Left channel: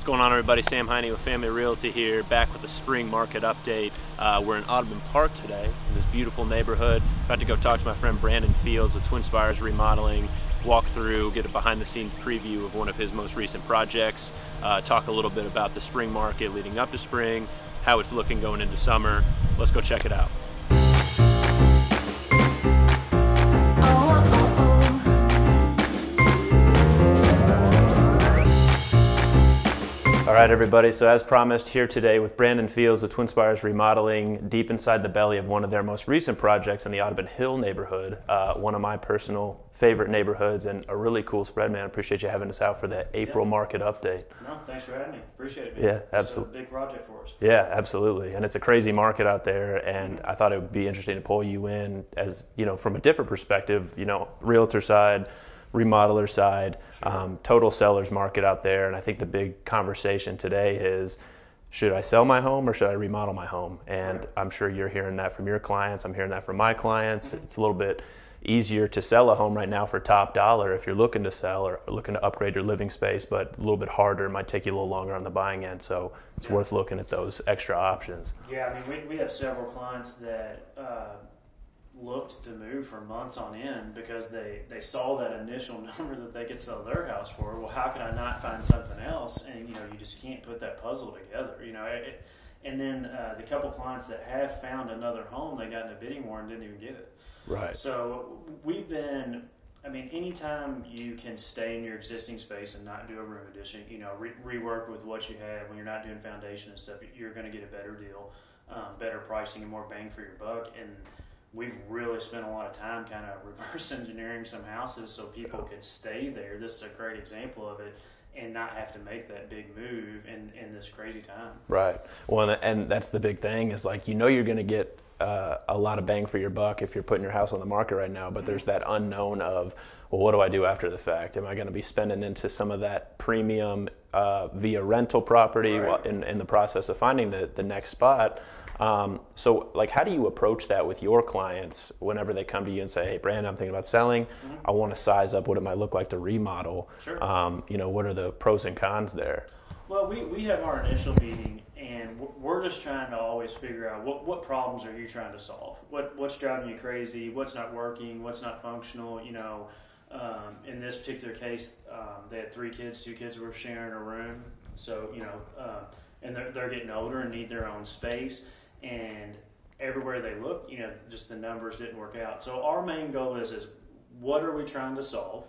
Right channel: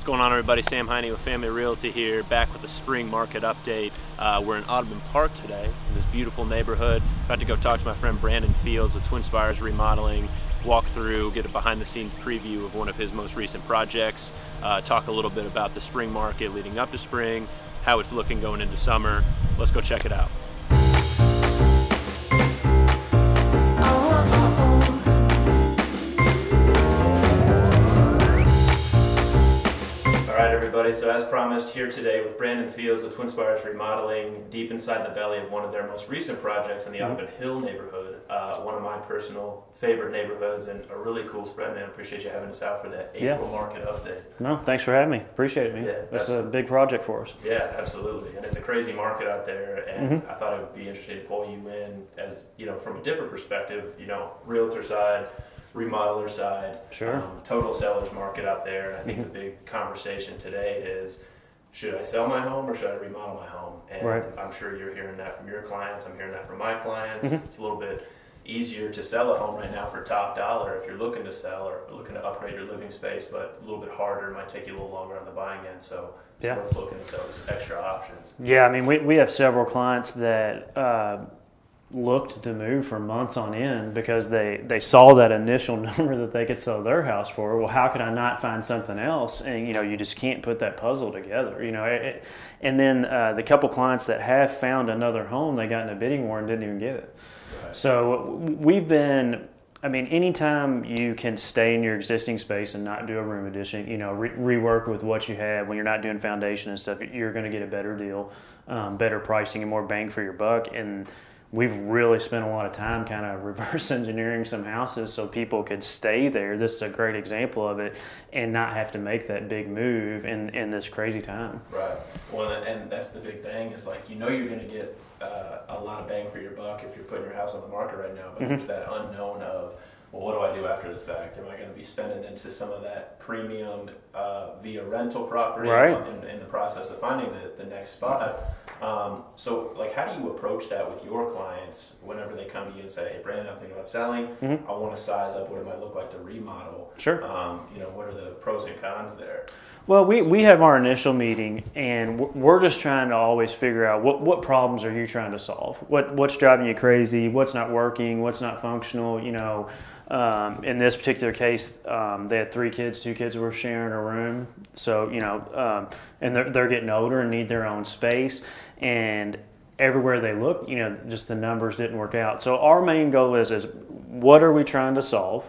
What's going on, everybody? Sam Heine with Family Realty here, back with a spring market update. We're in Audubon Park today, in this beautiful neighborhood. About to go talk to my friend Brandon Fields with Twin Spires Remodeling, walk through, get a behind-the-scenes preview of one of his most recent projects, talk a little bit about the spring market leading up to spring, how it's looking going into summer. Let's go check it out. All right, everybody, so as promised, here today with Brandon Fields with Twin Spires Remodeling, deep inside the belly of one of their most recent projects in the Audubon Hill neighborhood, one of my personal favorite neighborhoods, and a really cool spread, man. I appreciate you having us out for the April market update. No, thanks for having me. Appreciate it, man. Yeah, that's a big project for us. Yeah, absolutely. And it's a crazy market out there, and I thought it would be interesting to pull you in as, you know, from a different perspective, you know, realtor side, remodeler side, Sure. Total sellers market out there. And I think the big conversation today is, should I sell my home or should I remodel my home? And Right. I'm sure you're hearing that from your clients. I'm hearing that from my clients. It's a little bit easier to sell a home right now for top dollar if you're looking to sell or looking to upgrade your living space, but a little bit harder. It might take you a little longer on the buying end. So it's worth looking at those extra options. Yeah, I mean, we have several clients that looked to move for months on end because they saw that initial number that they could sell their house for. Well, how could I not find something else? And, you know, you just can't put that puzzle together, you know. And then the couple clients that have found another home, they got in a bidding war and didn't even get it. Right. So we've been, I mean, anytime you can stay in your existing space and not do a room addition, you know, rework with what you have when you're not doing foundation and stuff, you're going to get a better deal, better pricing, and more bang for your buck. And we've really spent a lot of time kind of reverse engineering some houses so people could stay there. This is a great example of it, and not have to make that big move in this crazy time. Right. Well, and that's the big thing is, like, you know, you're going to get a lot of bang for your buck if you're putting your house on the market right now, but there's that unknown of, well, what do I do after the fact? Am I going to be spending into some of that premium via rental property in the process of finding the next spot? So, like, how do you approach that with your clients whenever they come to you and say, hey, Brandon, I'm thinking about selling. I want to size up what it might look like to remodel. Sure. You know, what are the pros and cons there? Well, we have our initial meeting, and we're just trying to always figure out what problems are you trying to solve? What's driving you crazy? What's not working? What's not functional? You know, in this particular case, they had 3 kids. 2 kids were sharing a room. So, you know, and they're getting older and need their own space. And everywhere they look, you know, just the numbers didn't work out. So our main goal is what are we trying to solve?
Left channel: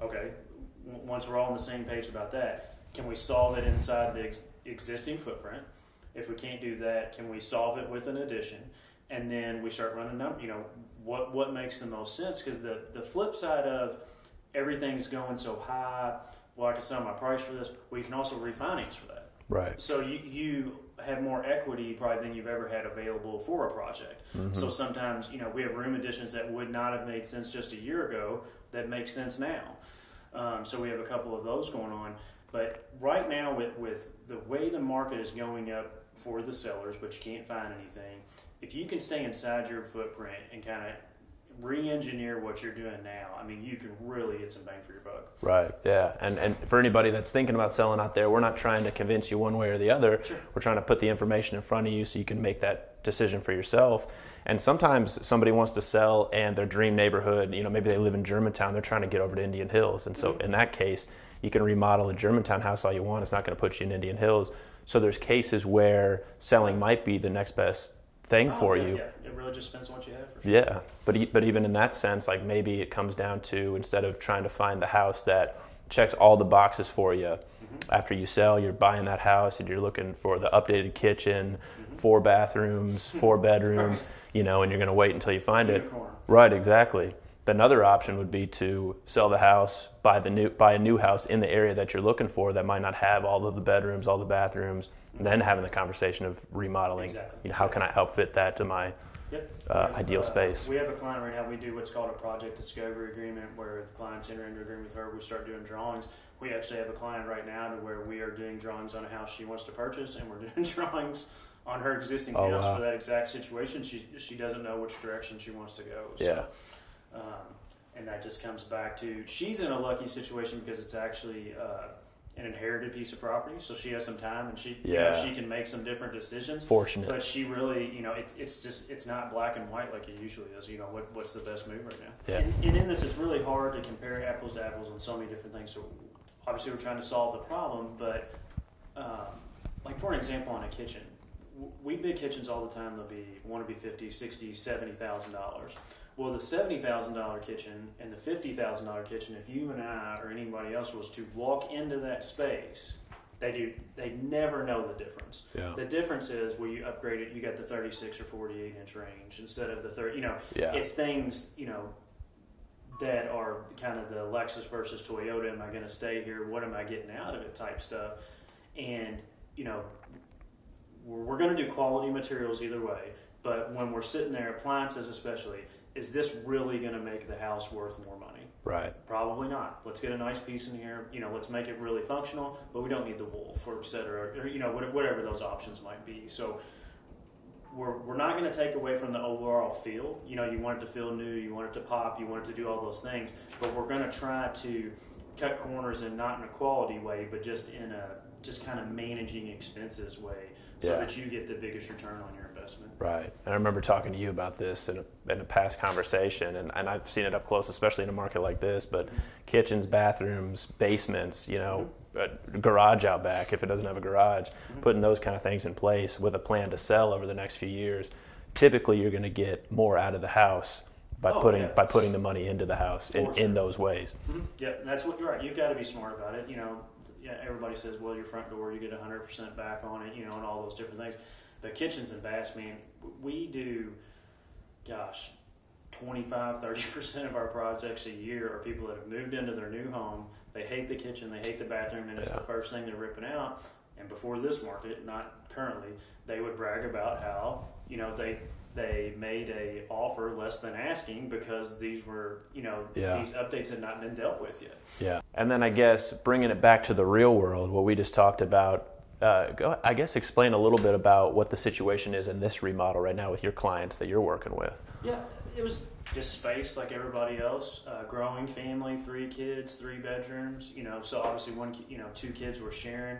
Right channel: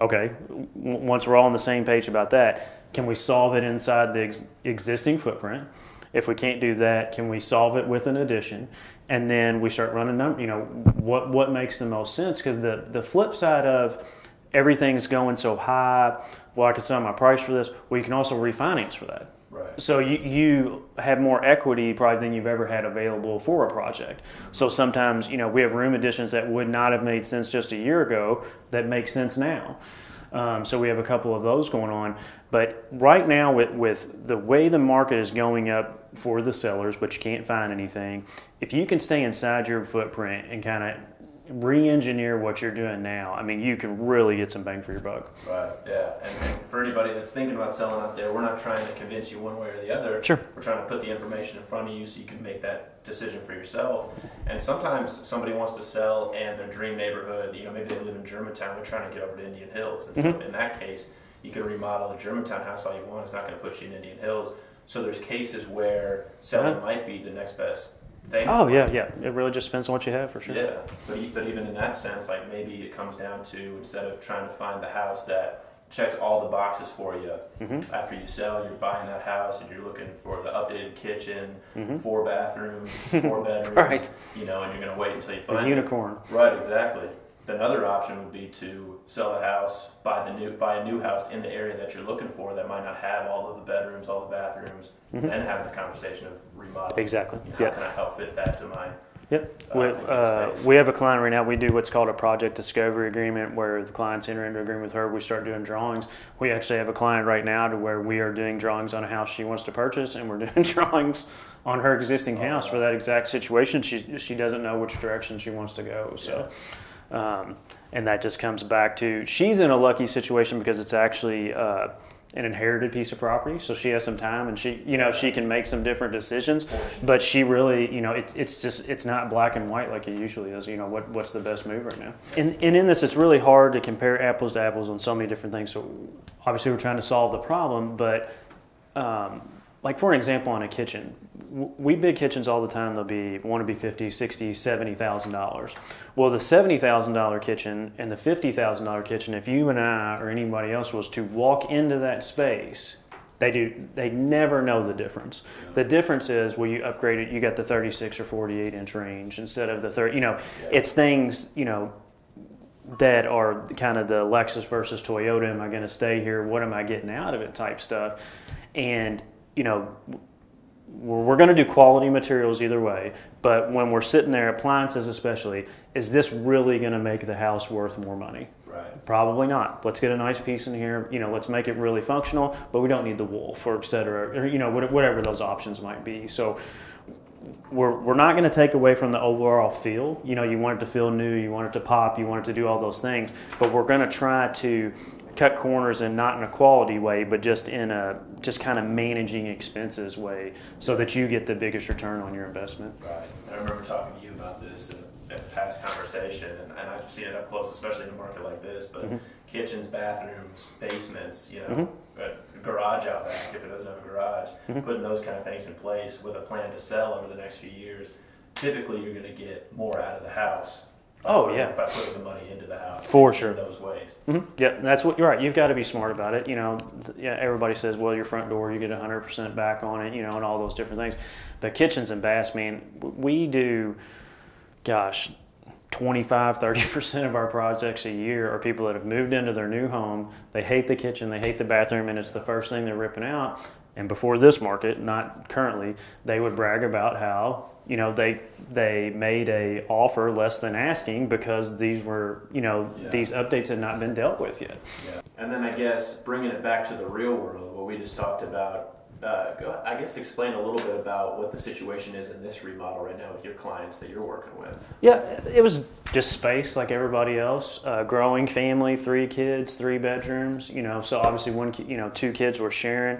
Okay, once we're all on the same page about that, can we solve it inside the existing footprint? If we can't do that, can we solve it with an addition? And then we start running numbers, you know, what makes the most sense? Because the flip side of everything's going so high, well, I could sell my price for this, well, you can also refinance for that. Right. So you have more equity probably than you've ever had available for a project. So sometimes, you know, we have room additions that would not have made sense just a year ago that make sense now. So we have a couple of those going on. But right now, with the way the market is going up for the sellers, but you can't find anything, if you can stay inside your footprint and kind of re-engineer what you're doing now, I mean, you can really get some bang for your buck. Right, yeah. And for anybody that's thinking about selling out there, we're not trying to convince you one way or the other. Sure. We're trying to put the information in front of you so you can make that decision for yourself. And sometimes somebody wants to sell and their dream neighborhood, you know, maybe they live in Germantown, they're trying to get over to Indian Hills. And so in that case, you can remodel a Germantown house all you want. It's not going to put you in Indian Hills. So there's cases where selling might be the next best thing for you. Yeah. It really just depends on what you have, for sure. Yeah, but even in that sense, like, maybe it comes down to, instead of trying to find the house that checks all the boxes for you, after you sell, you're buying that house and you're looking for the updated kitchen, 4 bathrooms, 4 bedrooms, Right. you know, and you're going to wait until you find it. Unicorn. Right, exactly. Another option would be to sell the house, buy a new house in the area that you're looking for that might not have all of the bedrooms, all the bathrooms, and then having the conversation of remodeling. Exactly. You know, how can I help fit that to my ideal space? We have a client right now. We do what's called a project discovery agreement, where the clients enter into agreement with her. We start doing drawings. We actually have a client right now to where we are doing drawings on a house she wants to purchase, and we're doing drawings on her existing house for that exact situation. She doesn't know which direction she wants to go. So. And that just comes back to, she's in a lucky situation because it's actually an inherited piece of property, so she has some time, and she, you know, she can make some different decisions. Fortunate. But she really, you know, it's not black and white like it usually is. You know, what's the best move right now? Yeah. And in this, it's really hard to compare apples to apples on so many different things. So obviously, we're trying to solve the problem, but like for an example, on a kitchen. We bid kitchens all the time. They'll want to be $50,000, $60,000, $70,000. Well, the $70,000 kitchen and the $50,000 kitchen, if you and I or anybody else was to walk into that space, they never know the difference. Yeah. The difference is, well, you upgrade it, you got the 36 or 48 inch range instead of the 30. You know, it's things, you know, that are kind of the Lexus versus Toyota. Am I going to stay here? What am I getting out of it? Type stuff, and you know. We're going to do quality materials either way, but when we're sitting there, appliances especially, is this really going to make the house worth more money? Right. Probably not. Let's get a nice piece in here, you know, let's make it really functional, but we don't need the wool, for et cetera, or, you know, whatever those options might be. So we're not going to take away from the overall feel. You know, you want it to feel new, you want it to pop, you want it to do all those things, but we're going to try to cut corners, and not in a quality way, but just in a kind of managing expenses way, so that you get the biggest return on your investment. Right. And I remember talking to you about this in a past conversation, and I've seen it up close, especially in a market like this, but kitchens, bathrooms, basements, you know, a garage out back if it doesn't have a garage, putting those kind of things in place with a plan to sell over the next few years, typically you're going to get more out of the house by putting the money into the house in those ways. Yeah, that's what you're right. You've got to be smart about it. You know, everybody says, well, your front door, you get 100% back on it, you know, and all those different things. But kitchens and baths, man, we do, 25-30% of our projects a year are people that have moved into their new home. They hate the kitchen, they hate the bathroom, and it's the first thing they're ripping out. And before this market, not currently, they would brag about how, you know, they made a offer less than asking because these were, you know, these updates had not been dealt with yet. Yeah. And then I guess bringing it back to the real world, what we just talked about, explain a little bit about what the situation is in this remodel right now with your clients that you're working with. Yeah, it was just space like everybody else. Growing family, 3 kids, 3 bedrooms. You know, so obviously 2 kids were sharing.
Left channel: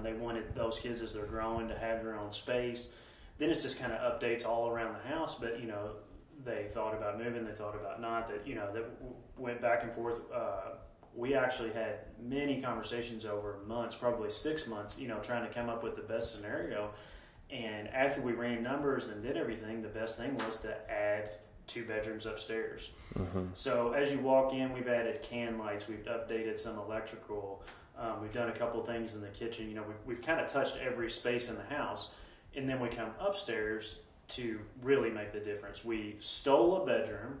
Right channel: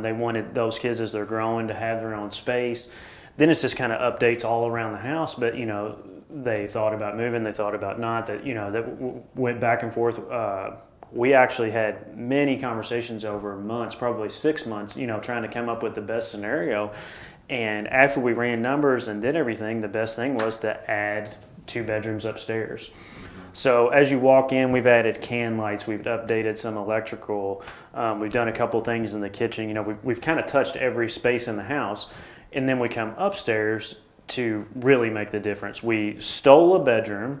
They wanted those kids as they're growing to have their own space. Then it's just kind of updates all around the house. But you know, they thought about moving, they thought about not. That went back and forth. We actually had many conversations over months, probably 6 months, you know, trying to come up with the best scenario. And after we ran numbers and did everything, the best thing was to add 2 bedrooms upstairs. So as you walk in, we've added can lights, we've updated some electrical, we've done a couple things in the kitchen. You know, we've kind of touched every space in the house. And then we come upstairs to really make the difference. We stole a bedroom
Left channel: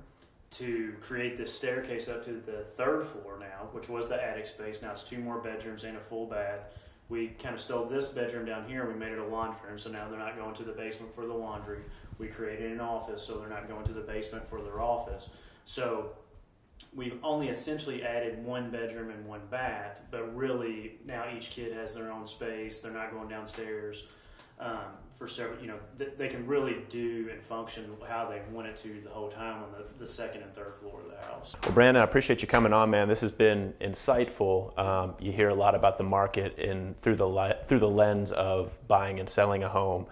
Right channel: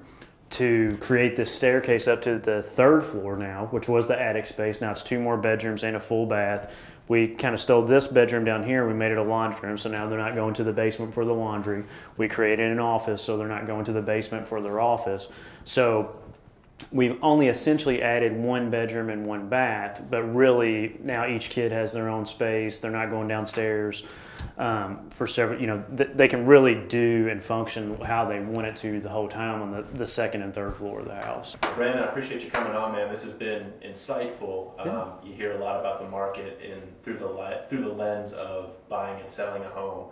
to create this staircase up to the 3rd floor now, which was the attic space. Now it's 2 more bedrooms and a full bath. We kind of stole this bedroom down here. We made it a laundry room, so now they're not going to the basement for the laundry. We created an office, so they're not going to the basement for their office. So we've only essentially added 1 bedroom and 1 bath, but really now each kid has their own space. They're not going downstairs. For several, you know, they can really do and function how they want it to the whole time on the 2nd and 3rd floor of the house. Well, Brandon, I appreciate you coming on, man. This has been insightful. You hear a lot about the market through the lens of buying and selling a home,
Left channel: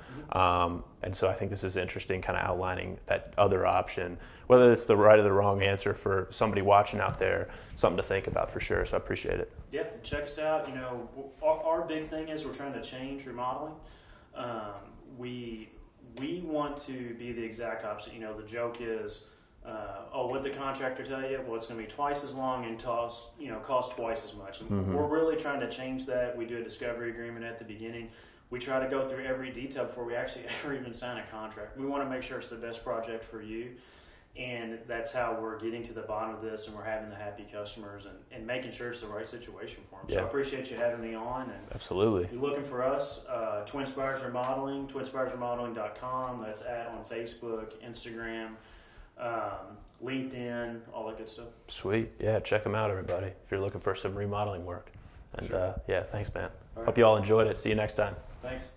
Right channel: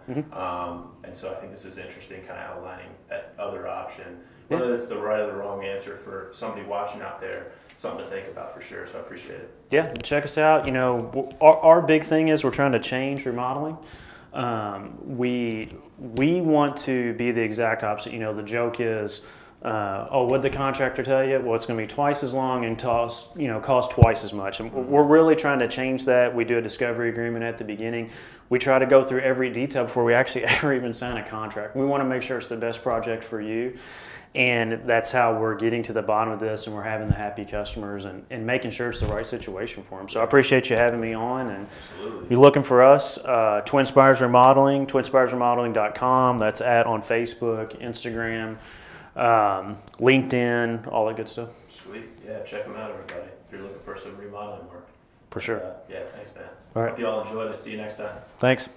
and so I think this is interesting, kind of outlining that other option, whether it's the right or the wrong answer for somebody watching out there. Something to think about for sure. So I appreciate it. Yeah, check us out. You know, our big thing is we're trying to change remodeling. We want to be the exact opposite. You know, the joke is, what'd the contractor tell you? Well, it's going to be twice as long and cost twice as much. And we're really trying to change that. We do a discovery agreement at the beginning. We try to go through every detail before we actually ever even sign a contract. We want to make sure it's the best project for you. And that's how we're getting to the bottom of this, and we're having the happy customers and making sure it's the right situation for them. So I appreciate you having me on. And absolutely. You're looking for us, Twin Spires Remodeling, twinspiresremodeling.com. That's on Facebook, Instagram, LinkedIn, all that good stuff. Sweet. Yeah, check them out, everybody, if you're looking for some remodeling work. For sure. Yeah, thanks, man. All right. Hope you all enjoyed it. See you next time. Thanks.